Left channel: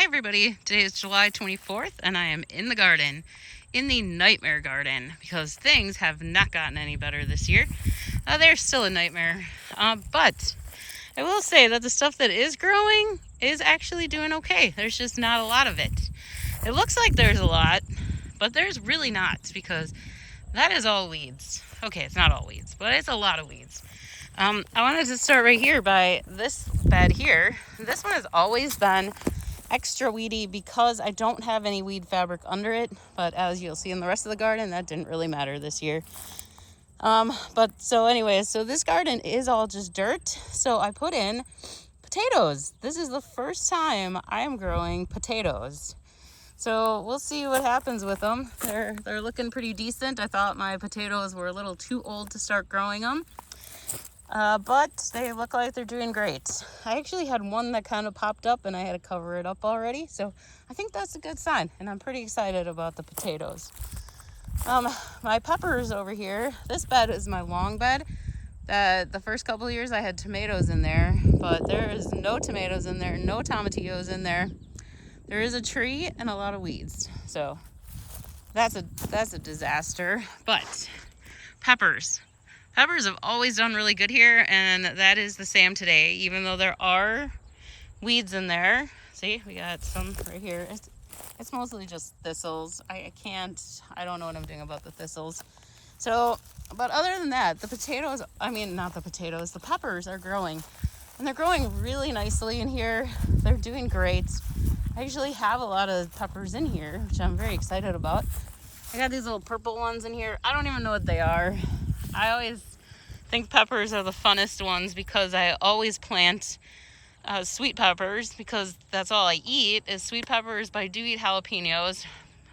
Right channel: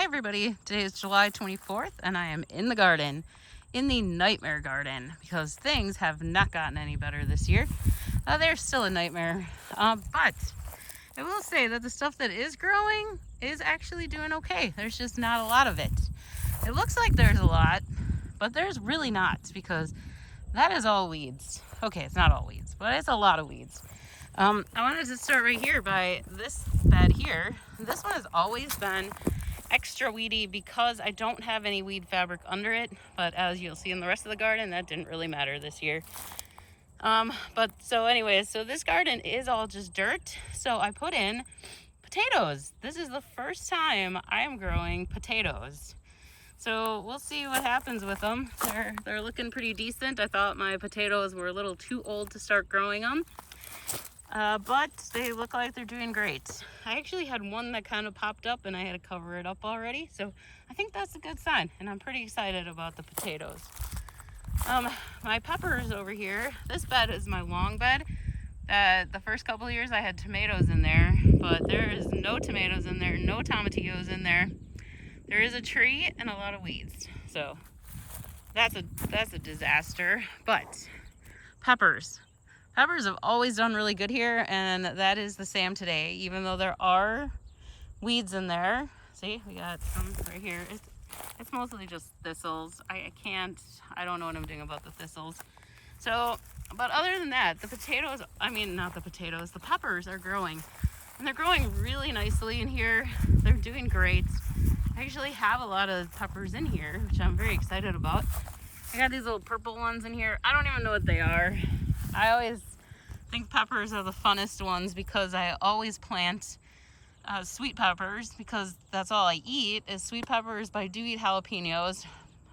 Hi everybody, today is July 24th and I am in the garden, in the nightmare garden, because things have not gotten any better this year. They're still a nightmare, but I will say that the stuff that is growing is actually doing okay. There's just not a lot of it. It looks like there's a lot, but there's really not, because that is all weeds. Okay, it's not all weeds, but it's a lot of weeds. I wanted to start right here by this bed here. This one has always been extra weedy because I don't have any weed fabric under it, but as you'll see in the rest of the garden, that didn't really matter this year. So this garden is all just dirt, so I put in potatoes. This is the first time I am growing potatoes, so we'll see what happens with them. They're looking pretty decent. I thought my potatoes were a little too old to start growing them, but they look like they're doing great. I actually had one that kind of popped up and I had to cover it up already, so I think that's a good sign, and I'm pretty excited about the potatoes. My peppers over here, this bed is my long bed. The first couple of years I had tomatoes in there, but there is no tomatoes in there, no tomatillos in there. There is a tree and a lot of weeds, so that's a disaster. But peppers have always done really good here, and that is the same today, even though there are weeds in there. See, we got some right here. It's mostly just thistles. I don't know what I'm doing about the thistles. So, but other than that, the peppers are growing, and they're growing really nicely in here. They're doing great. I actually have a lot of peppers in here, which I'm very excited about. I got these little purple ones in here. I don't even know what they are. I always think peppers are the funnest ones because I always plant sweet peppers, because that's all I eat is sweet peppers, but I do eat jalapenos.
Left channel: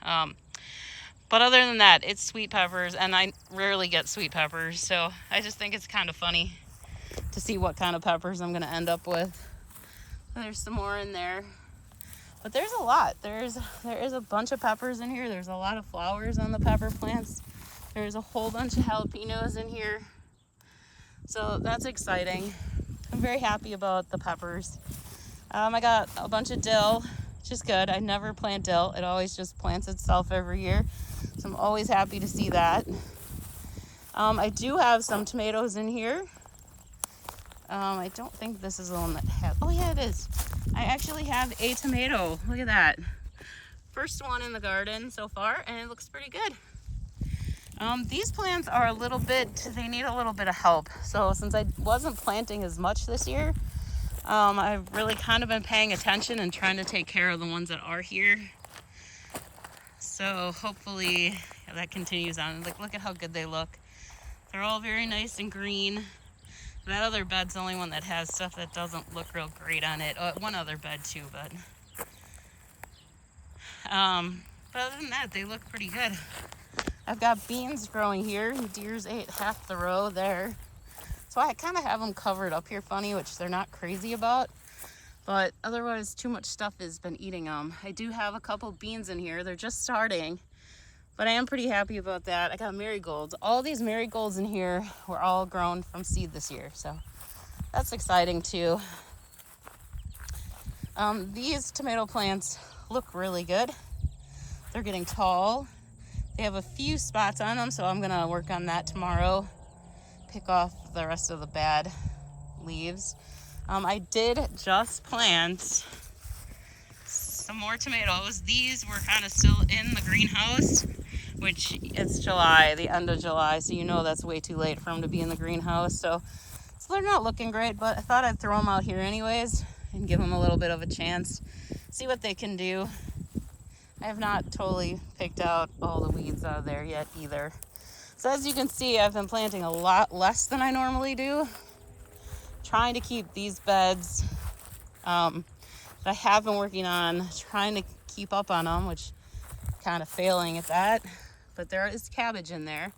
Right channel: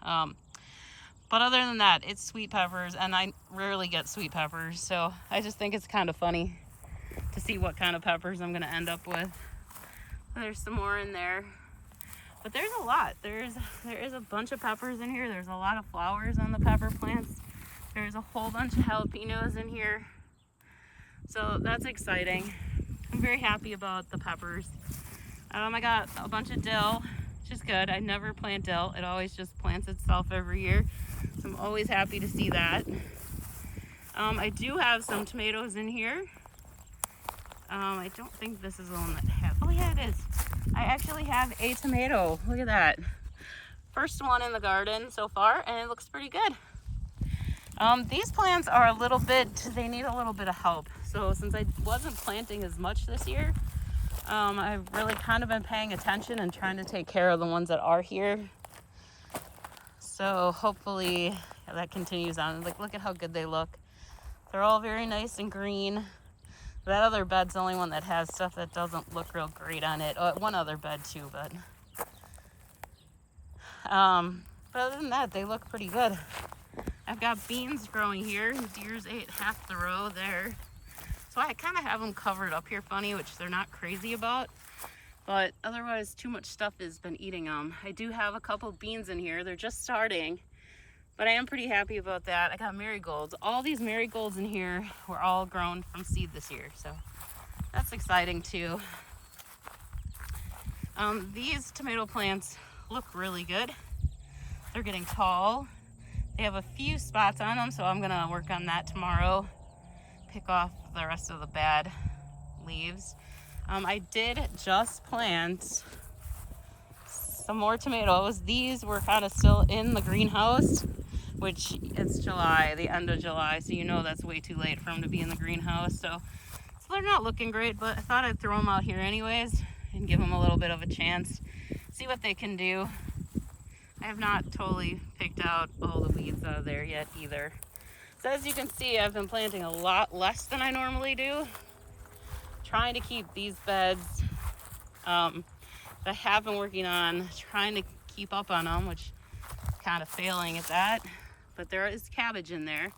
But other than that, it's sweet peppers, and I rarely get sweet peppers, so I just think it's kind of funny to see what kind of peppers I'm going to end up with. There's some more in there, but there's a lot. There is a bunch of peppers in here. There's a lot of flowers on the pepper plants. There's a whole bunch of jalapenos in here, so that's exciting. I'm very happy about the peppers. I got a bunch of dill, which is good. I never plant dill. It always just plants itself every year, so I'm always happy to see that. I do have some tomatoes in here. I don't think this is the one that has, oh yeah, it is. I actually have a tomato. Look at that. First one in the garden so far, and it looks pretty good. These plants are they need a little bit of help. So since I wasn't planting as much this year, I've really kind of been paying attention and trying to take care of the ones that are here. So hopefully that continues on. Like, look at how good they look. They're all very nice and green. That other bed's the only one that has stuff that doesn't look real great on it. One other bed too, but other than that, they look pretty good. I've got beans growing here. Deers ate half the row there. So I kind of have them covered up here funny, which they're not crazy about. But otherwise, too much stuff has been eating them. I do have a couple beans in here. They're just starting, but I am pretty happy about that. I got marigolds. All these marigolds in here were all grown from seed this year, so that's exciting too. These tomato plants look really good. They're getting tall. They have a few spots on them, so I'm gonna work on that tomorrow. Pick off the rest of the bad leaves. I did just plant some more tomatoes. These were kind of still in the greenhouse, which it's July, the end of July, so you know that's way too late for them to be in the greenhouse. So they're not looking great, but I thought I'd throw them out here anyways and give them a little bit of a chance, see what they can do. I have not totally picked out all the weeds out of there yet either. So as you can see, I've been planting a lot less than I normally do, trying to keep these beds that I have been working on, trying to keep up on them, which kind of failing at that. But there is cabbage in there,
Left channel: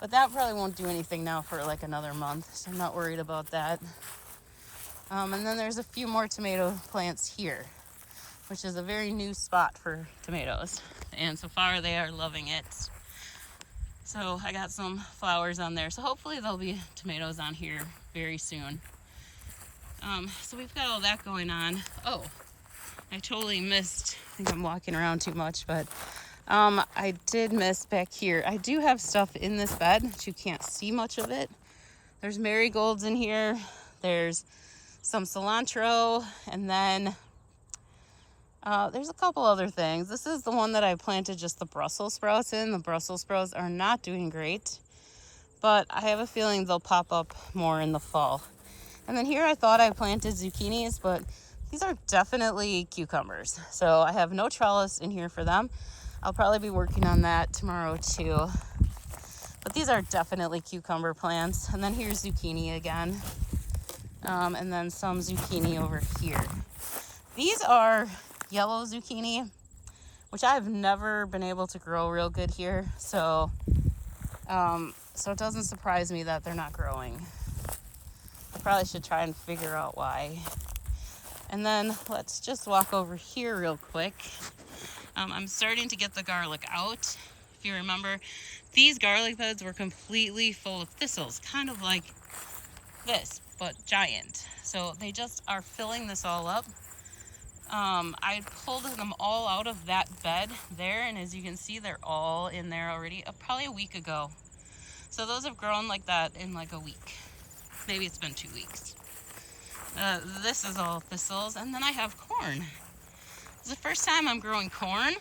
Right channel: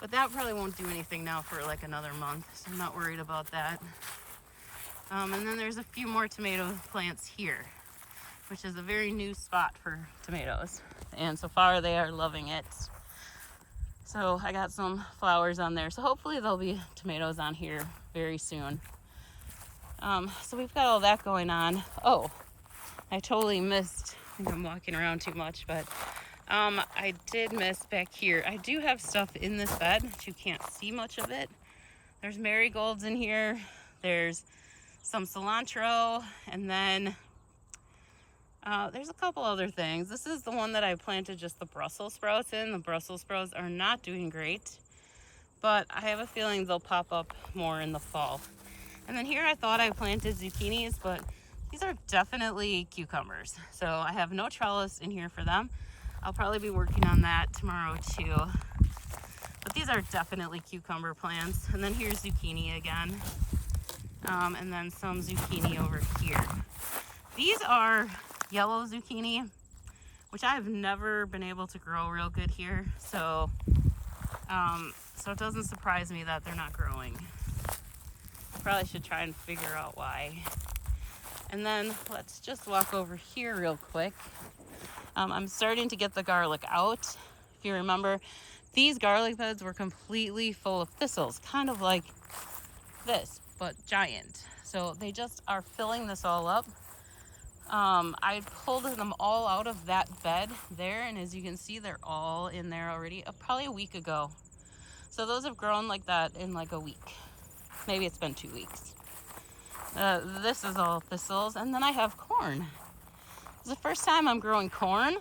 but that probably won't do anything now for like another month, so I'm not worried about that. And then there's a few more tomato plants here, which is a very new spot for tomatoes, and so far they are loving it. So I got some flowers on there, so hopefully there'll be tomatoes on here very soon. So we've got all that going on. Oh, I totally missed, I think I'm walking around too much, but I did miss back here. I do have stuff in this bed, but you can't see much of it. There's marigolds in here. There's some cilantro, and then there's a couple other things. This is the one that I planted just the Brussels sprouts in. The Brussels sprouts are not doing great, but I have a feeling they'll pop up more in the fall. And then here I thought I planted zucchinis, but these are definitely cucumbers. So I have no trellis in here for them. I'll probably be working on that tomorrow too. But these are definitely cucumber plants. And then here's zucchini again. And then some zucchini over here. These are yellow zucchini, which I've never been able to grow real good here. So it doesn't surprise me that they're not growing. I probably should try and figure out why. And then let's just walk over here real quick. I'm starting to get the garlic out. If you remember, these garlic beds were completely full of thistles, kind of like this, but giant. So they just are filling this all up. I pulled them all out of that bed there, and as you can see, they're all in there already, probably a week ago. So those have grown like that in like a week. Maybe it's been 2 weeks. This is all thistles, and then I have corn. It's the first time I'm growing corn.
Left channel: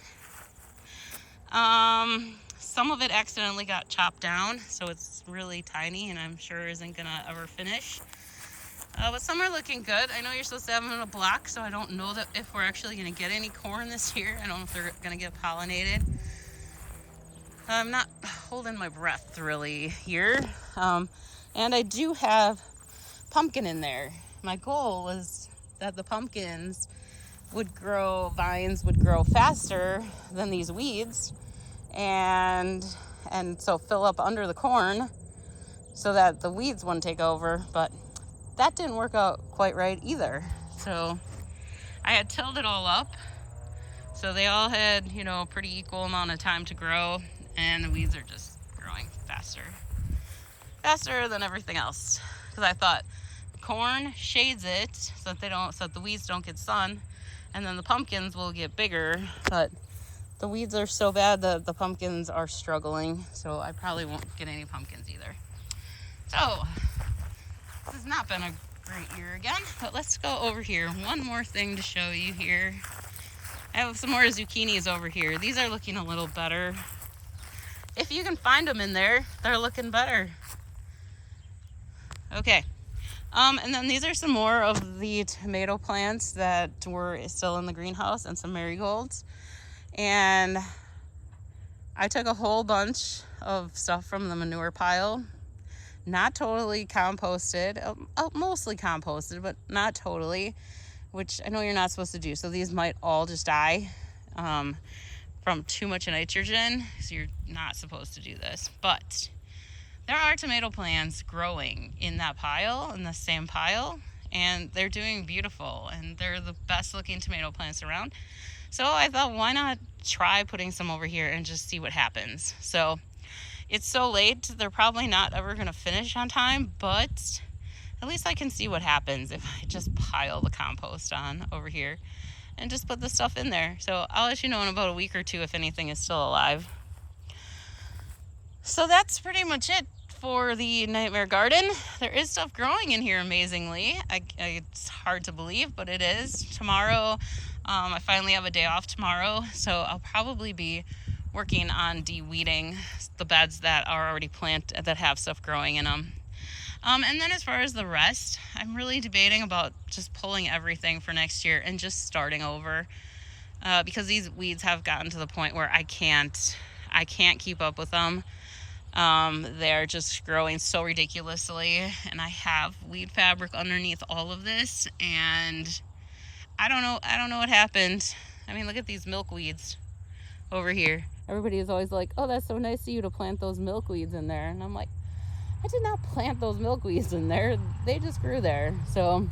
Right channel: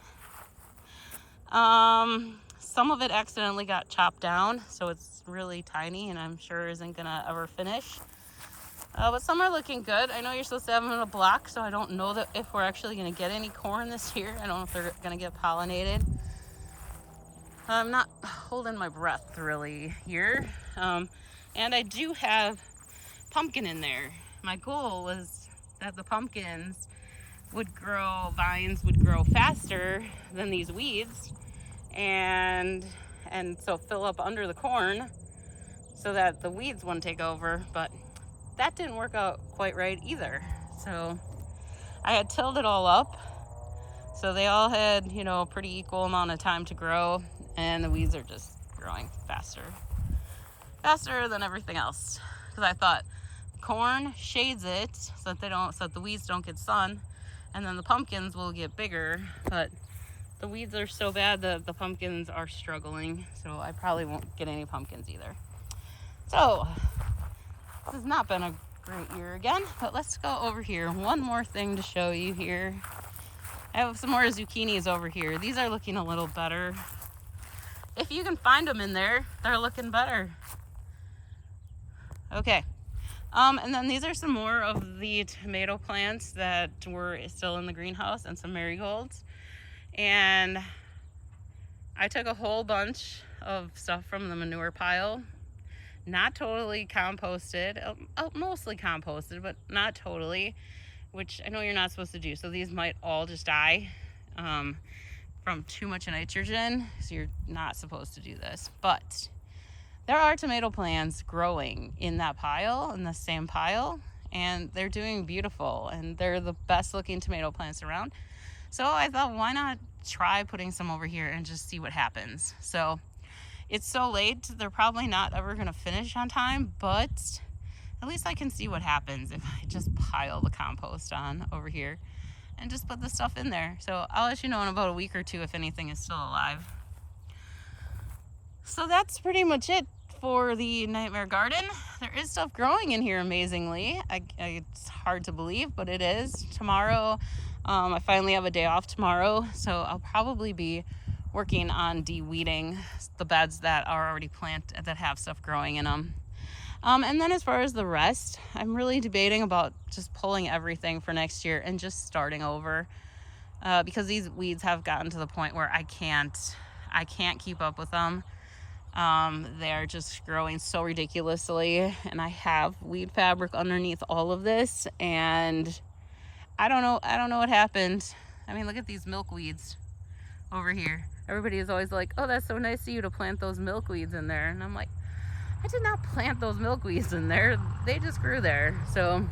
Some of it accidentally got chopped down, so it's really tiny, and I'm sure isn't gonna ever finish. But some are looking good. I know you're supposed to have them in a block, so I don't know that if we're actually gonna get any corn this year. I don't know if they're gonna get pollinated. I'm not holding my breath really here. And I do have pumpkin in there. My goal was that the pumpkins would grow, vines would grow faster than these weeds, and so fill up under the corn so that the weeds wouldn't take over, but that didn't work out quite right either. So I had tilled it all up, so they all had, you know, a pretty equal amount of time to grow, and the weeds are just growing faster than everything else. Because I thought corn shades it so that the weeds don't get sun, and then the pumpkins will get bigger, but the weeds are so bad that the pumpkins are struggling, so I probably won't get any pumpkins either. So this has not been a great year again, but let's go over here. One more thing to show you here. I have some more zucchinis over here. These are looking a little better. If you can find them in there, they're looking better. Okay. And then these are some more of the tomato plants that were still in the greenhouse, and some marigolds. And I took a whole bunch of stuff from the manure pile, not totally composted, mostly composted, but not totally, which I know you're not supposed to do. So these might all just die from too much nitrogen, so you're not supposed to do this. But there are tomato plants growing in that pile, in the same pile, and they're doing beautiful, and they're the best looking tomato plants around. So I thought, why not try putting some over here and just see what happens? So it's so late, they're probably not ever gonna finish on time, but at least I can see what happens if I just pile the compost on over here and just put the stuff in there. So I'll let you know in about a week or two if anything is still alive. So that's pretty much it for the Nightmare Garden. There is stuff growing in here amazingly. It's hard to believe, but it is. Tomorrow, I finally have a day off tomorrow, so I'll probably be working on de-weeding the beds that are already planted, that have stuff growing in them. And then as far as the rest, I'm really debating about just pulling everything for next year and just starting over, because these weeds have gotten to the point where I can't keep up with them. They're just growing so ridiculously, and I have weed fabric underneath all of this, and I don't know what happened. I mean, look at these milkweeds over here. Everybody is always like, oh, that's so nice of you to plant those milkweeds in there, and I'm like, I did not plant those milkweeds in there, they just grew there. So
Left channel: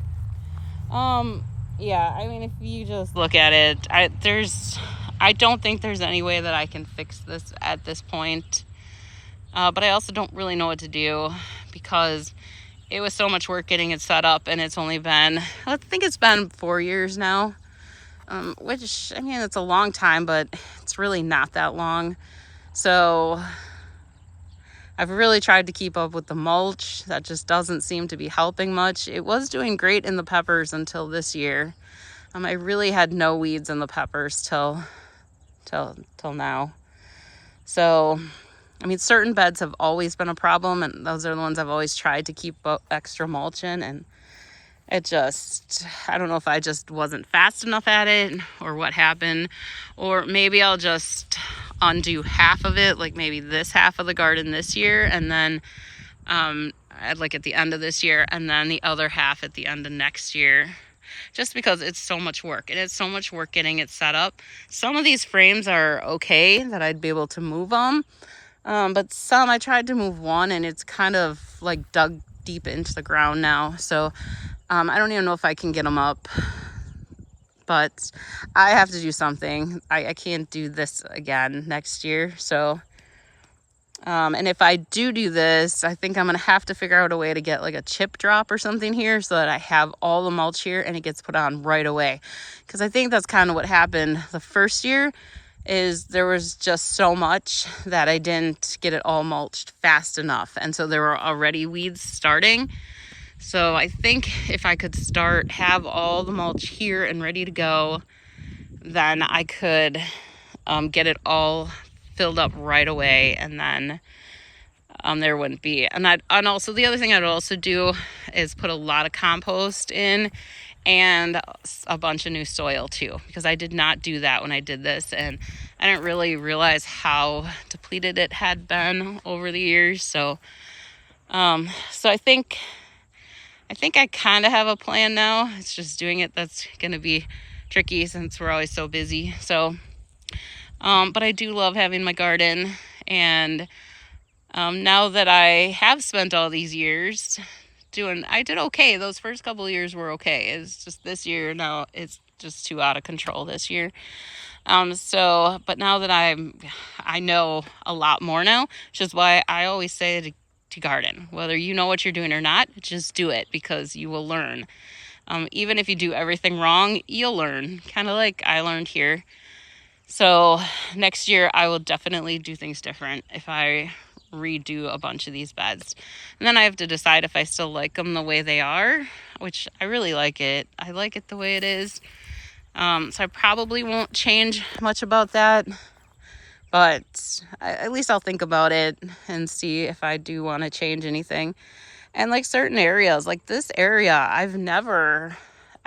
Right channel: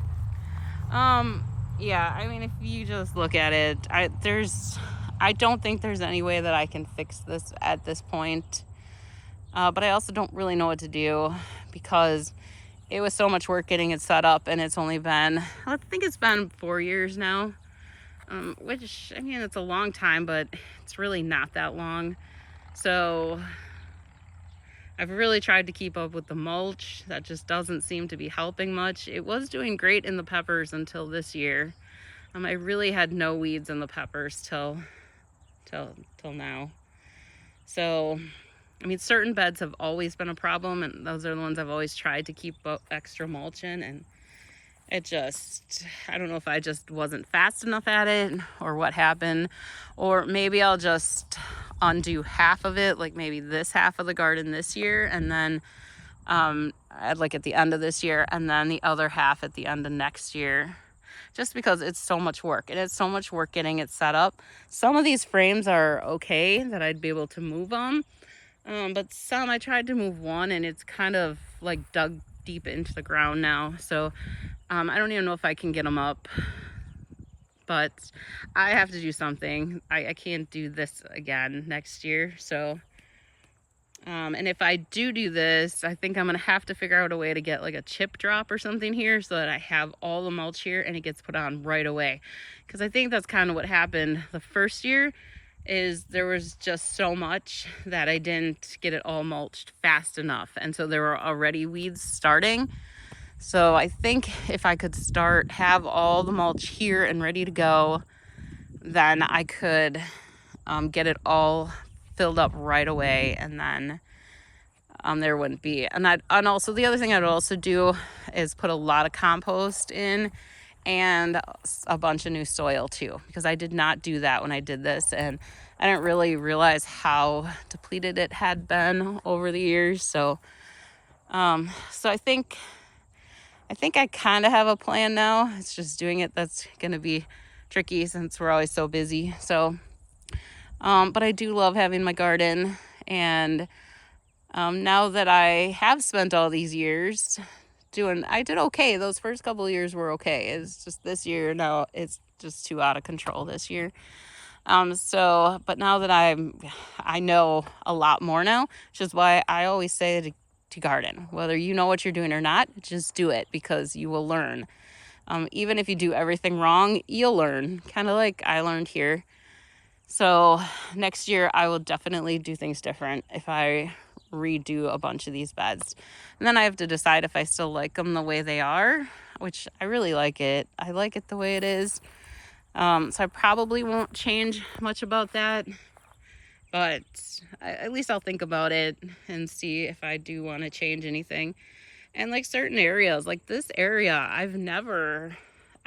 yeah, I mean, if you just look at it, I don't think there's any way that I can fix this at this point. But I also don't really know what to do, because it was so much work getting it set up, and it's only been, I think it's been 4 years now. which, I mean, it's a long time, but it's really not that long. So I've really tried to keep up with the mulch. That just doesn't seem to be helping much. It was doing great in the peppers until this year. I really had no weeds in the peppers till now. So, I mean, certain beds have always been a problem, and those are the ones I've always tried to keep extra mulch in, and it just, I don't know if I just wasn't fast enough at it or what happened, or maybe I'll just undo half of it, like maybe this half of the garden this year, and then like at the end of this year, and then the other half at the end of next year, just because it's so much work. And it's so much work getting it set up. Some of these frames are okay that I'd be able to move them, but some I tried to move one and it's kind of like dug deep into the ground now, so I don't even know if I can get them up, but I have to do something. I can't do this again next year. So, and if I do this, I think I'm going to have to figure out a way to get like a chip drop or something here so that I have all the mulch here and it gets put on right away. Because I think that's kind of what happened the first year, is there was just so much that I didn't get it all mulched fast enough. And so there were already weeds starting. So I think if I could have all the mulch here and ready to go, then I could get it all filled up right away, and then there wouldn't be. And also the other thing I'd also do is put a lot of compost in and a bunch of new soil too, because I did not do that when I did this, and I didn't really realize how depleted it had been over the years. So I think I kind of have a plan now. It's just doing it that's going to be tricky since we're always so busy. So, but I do love having my garden. And now that I have spent all these years I did okay. Those first couple of years were okay. It's just this year, now it's just too out of control this year. But now that I know a lot more now, which is why I always say to garden, whether you know what you're doing or not, just do it, because you will learn. Even if you do everything wrong, you'll learn, kind of like I learned here. So next year I will definitely do things different if I redo a bunch of these beds. And then I have to decide if I still like them the way they are, which I really like it. I like it the way it is. So I probably won't change much about that. But at least I'll think about it and see if I do want to change anything. And like certain areas, like this area, I've never,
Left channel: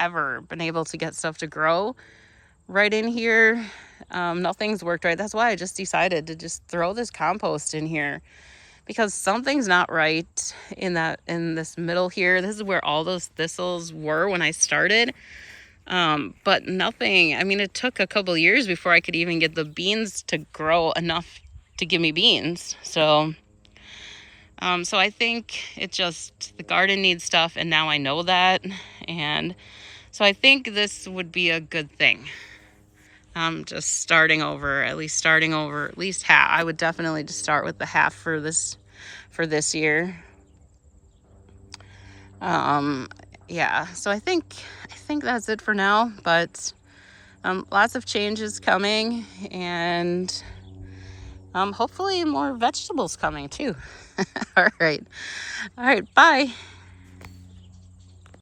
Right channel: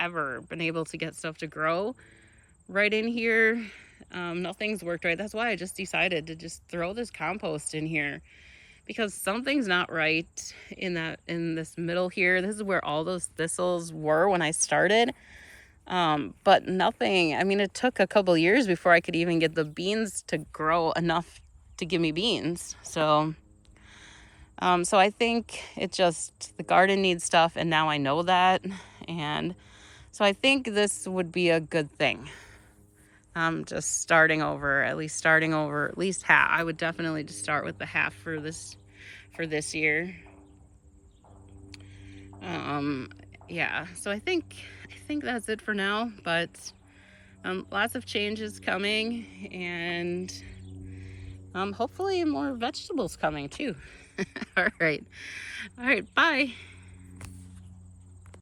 ever been able to get stuff to grow right in here. Nothing's worked right. That's why I just decided to just throw this compost in here, because something's not right in this middle here. This is where all those thistles were when I started. But nothing, I mean, it took a couple years before I could even get the beans to grow enough to give me beans. So I think the garden needs stuff, and now I know that. And so I think this would be a good thing. Just starting over at least half. I would definitely just start with the half for this year. Yeah, so I think that's it for now, but lots of changes coming, and hopefully more vegetables coming too. All right, bye.